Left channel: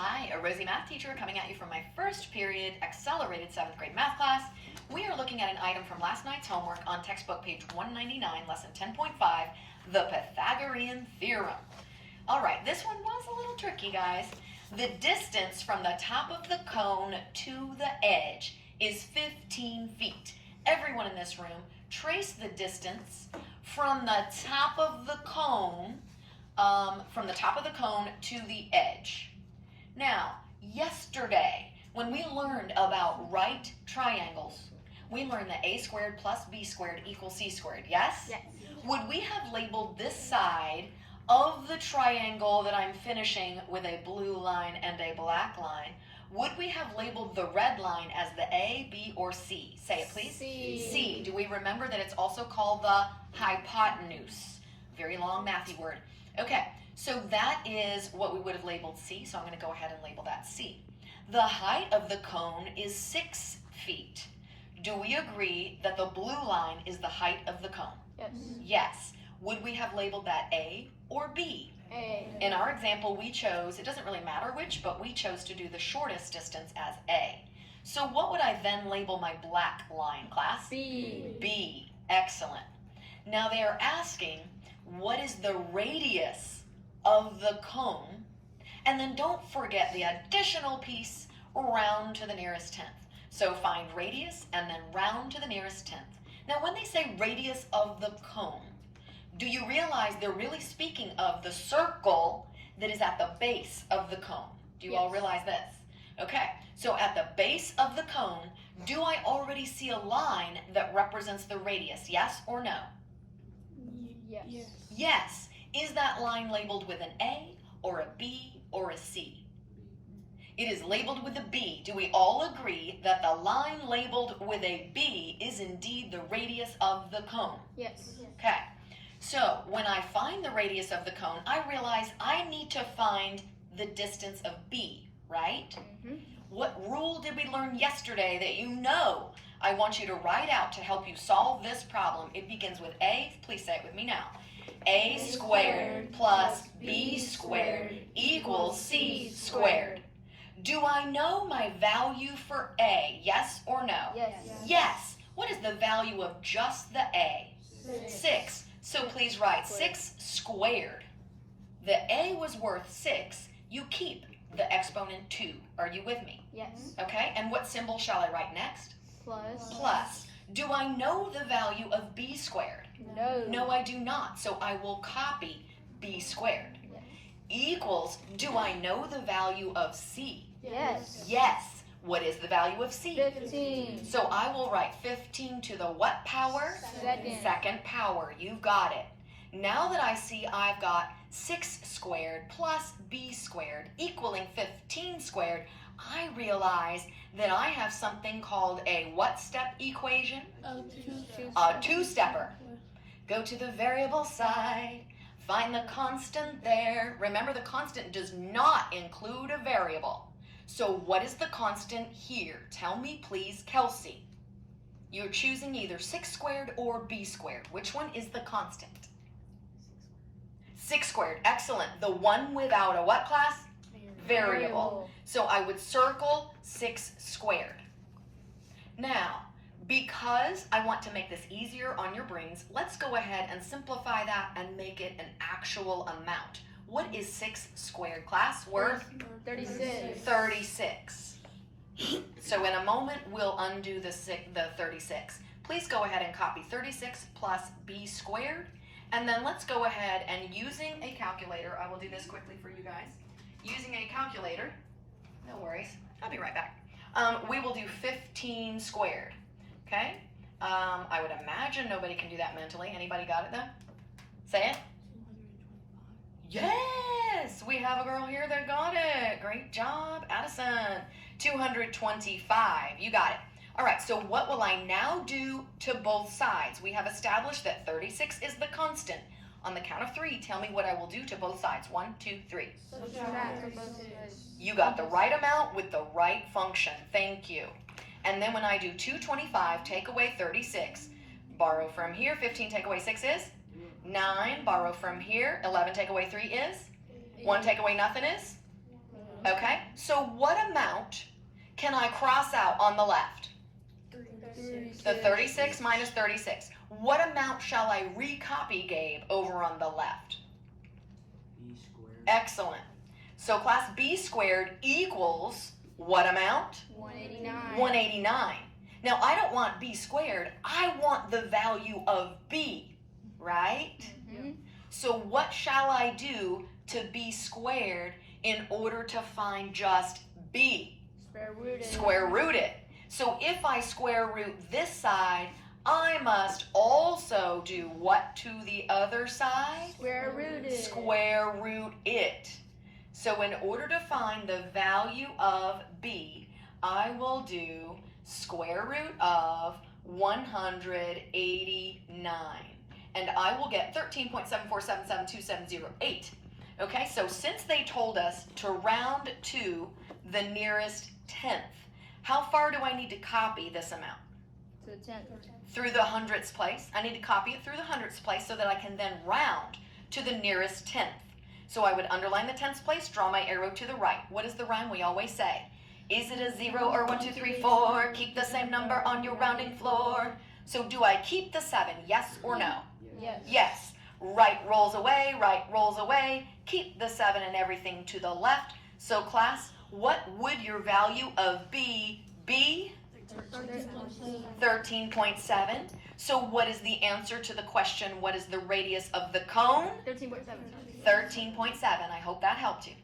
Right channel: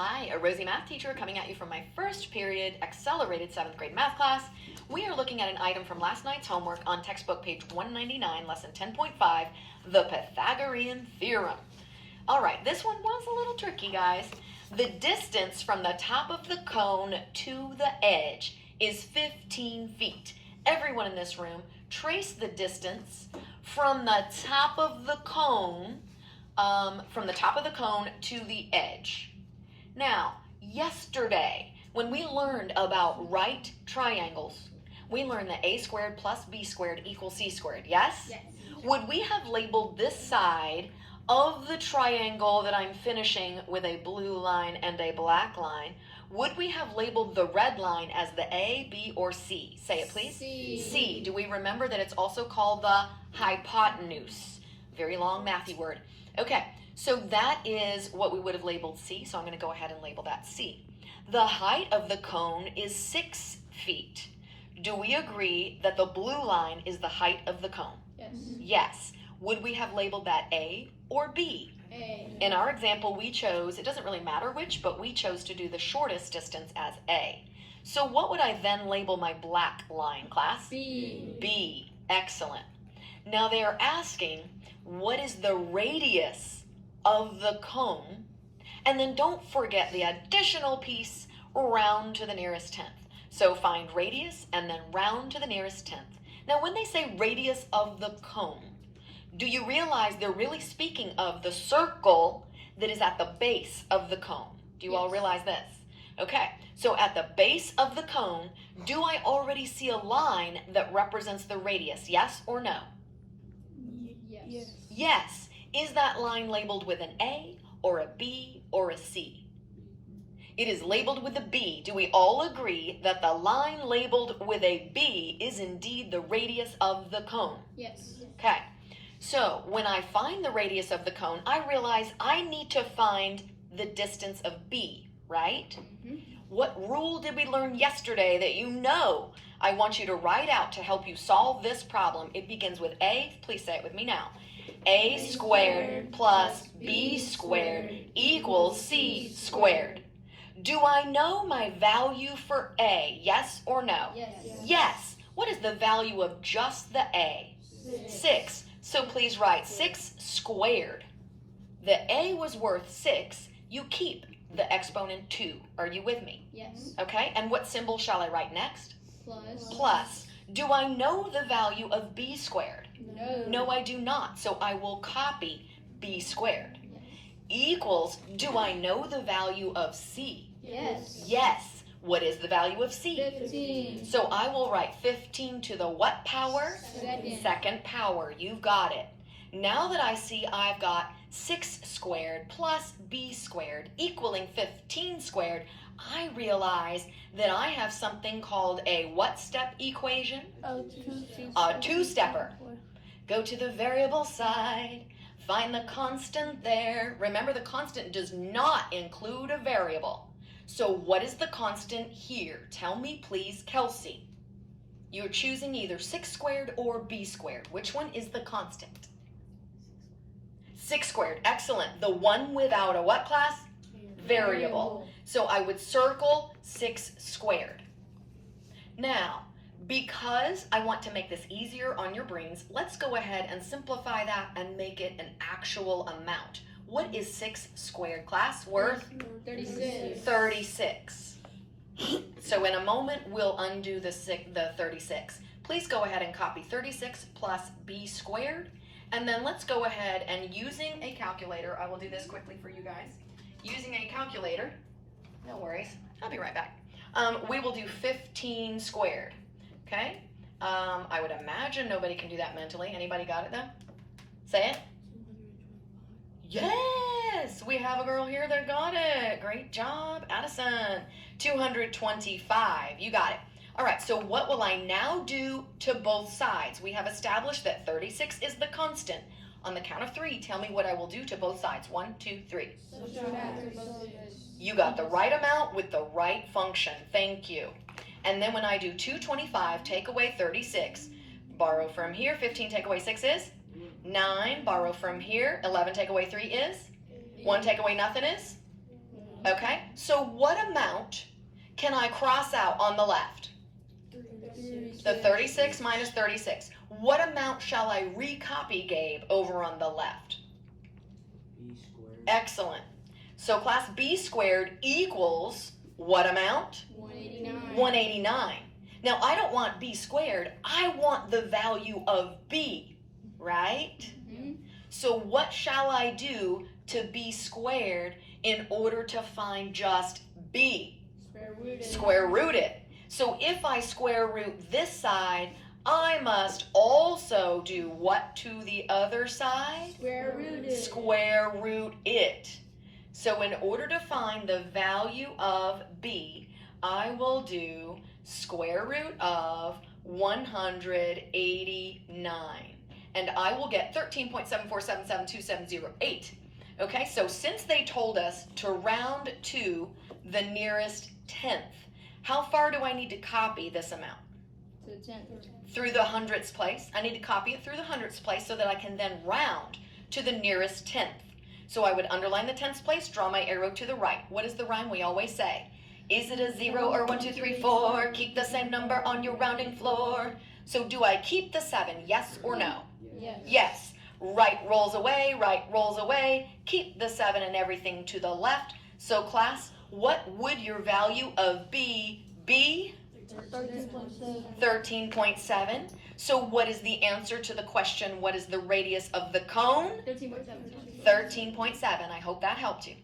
Hi, a Rosie math teacher coming at you from my first period accelerated 7th grade math class. We are looking at an item from last night's homework on textbook page 199, lesson 10.5, the Pythagorean Theorem. All right, this one was a little tricky, guys. The distance from the top of the cone to the edge is 15 feet. Everyone in this room, trace the distance from the top of the cone, to the edge. Now, yesterday, when we learned about right triangles, we learned that a squared plus b squared equals c squared, yes? Yes. Would we have labeled this side of the triangle that I'm finishing with a blue line and a black line, would we have labeled the red line as the A, B, or C? Say it, please. C. C. Do we remember that it's also called the hypotenuse? Very long mathy word. Okay, so that is what we would have labeled C, so I'm going to go ahead and label that C. The height of the cone is 6 feet. Do we agree that the blue line is the height of the cone? Yes. Yes. Would we have labeled that A or B? A. In our example, we chose, it doesn't really matter which, but we chose to do the shortest distance as A. So what would I then label my black line, class? B. B. Excellent. Now they are asking, what is the radius of the cone? And then don't forget the additional piece, round to the nearest tenth. So find radius and then round to the nearest tenth. Now when they say radius of the cone, do you realize they're really speaking of the circle that is at the base of the cone? Do you all realize this? Okay, so at the base of the cone, do I already see a line that represents the radius, yes or no? Yes. Yes. Is that line labeled with an A or a B or a C? It is labeled with a B. Do we all agree that the line labeled with a B is indeed the radius of the cone? Yes. Okay, so when I find the radius of the cone, I realize I need to find the distance of B, right? Mm-hmm. What rule did we learn yesterday that you know I want you to write out to help you solve this problem? It begins with A. Please say it with me now. A squared plus B squared equals C squared. Do I know my value for A? Yes or no? Yes. Yes. What is the value of just the A? 6. So please write 6 squared. The A was worth 6. You keep the exponent 2. Are you with me? Yes. Okay, and what symbol shall I write next? Plus. Plus. Do I know the value of B squared? No. No, I do not. So I will copy B squared. Equals, do I know the value of C? Yes. Yes. What is the value of C? 15. So I will write 15 to the what power? Second power. You've got it. Now that I see I've got 6 squared plus B squared equaling 15 squared, I realize that I have something called a what step equation? A two-stepper. Go to the variable side, find the constant there. Remember, the constant does not include a variable. So what is the constant here? Tell me, please, Kelsey. You're choosing either 6 squared or B squared. Which one is the constant? 6 squared. Excellent. The one without a what, class? Variable. So I would circle 6 squared. Now, because I want to make this easier on your brains, let's go ahead and simplify that and make it an actual amount. What is 6 squared, class? Worth? 36. 36. So in a moment, we'll undo the 36. Please go ahead and copy 36 plus B squared. And then let's go ahead and using a calculator, I will do this quickly for you guys. Using a calculator, no worries, I'll be right back. We will do 15 squared, okay? I would imagine nobody can do that mentally. Anybody got it though? Say it. Yes, we have a girl here that got it. Great job, Addison. 225, you got it. All right, so what will I now do to both sides? We have established that 36 is the constant. On the count of 3, tell me what I will do to both sides. 1, 2, 3. You got the right amount with the right function. Thank you. And then when I do 225, take away 36. Borrow from here. 15 take away 6 is? 9. Borrow from here. 11 take away 3 is? 1 take away nothing is? Okay, so what amount can I cross out on the left? The 36 minus 36. What amount shall I recopy, Gabe, over on the left? B squared. Excellent. So class, B squared equals what amount? 189. 189. Now, I don't want B squared. I want the value of B, right? Mhm. So what shall I do to B squared in order to find just B? Square root it. Square root it. So if I square root this side, I must also do what to the other side? Square root it. Square root it. So in order to find the value of B, I will do square root of 189. And I will get 13.74772708. Okay, so since they told us to round to the nearest tenth, how far do I need to copy this amount? To the 10th. Through the hundredths place. I need to copy it through the hundredths place so that I can then round to the nearest tenth. So I would underline the tenths place, draw my arrow to the right. What is the rhyme we always say? Is it a 0 or 1, 2, 3, 4? Keep the same number on your rounding floor. So do I keep the 7, yes or no? Yes. Yes. Right rolls away, right rolls away. Keep the 7 and everything to the left. So class, what would your value of B be? 13.7. 13.7. So what is the answer to the question, what is the radius of the cone? 13.7. 13.7. I hope that helped you.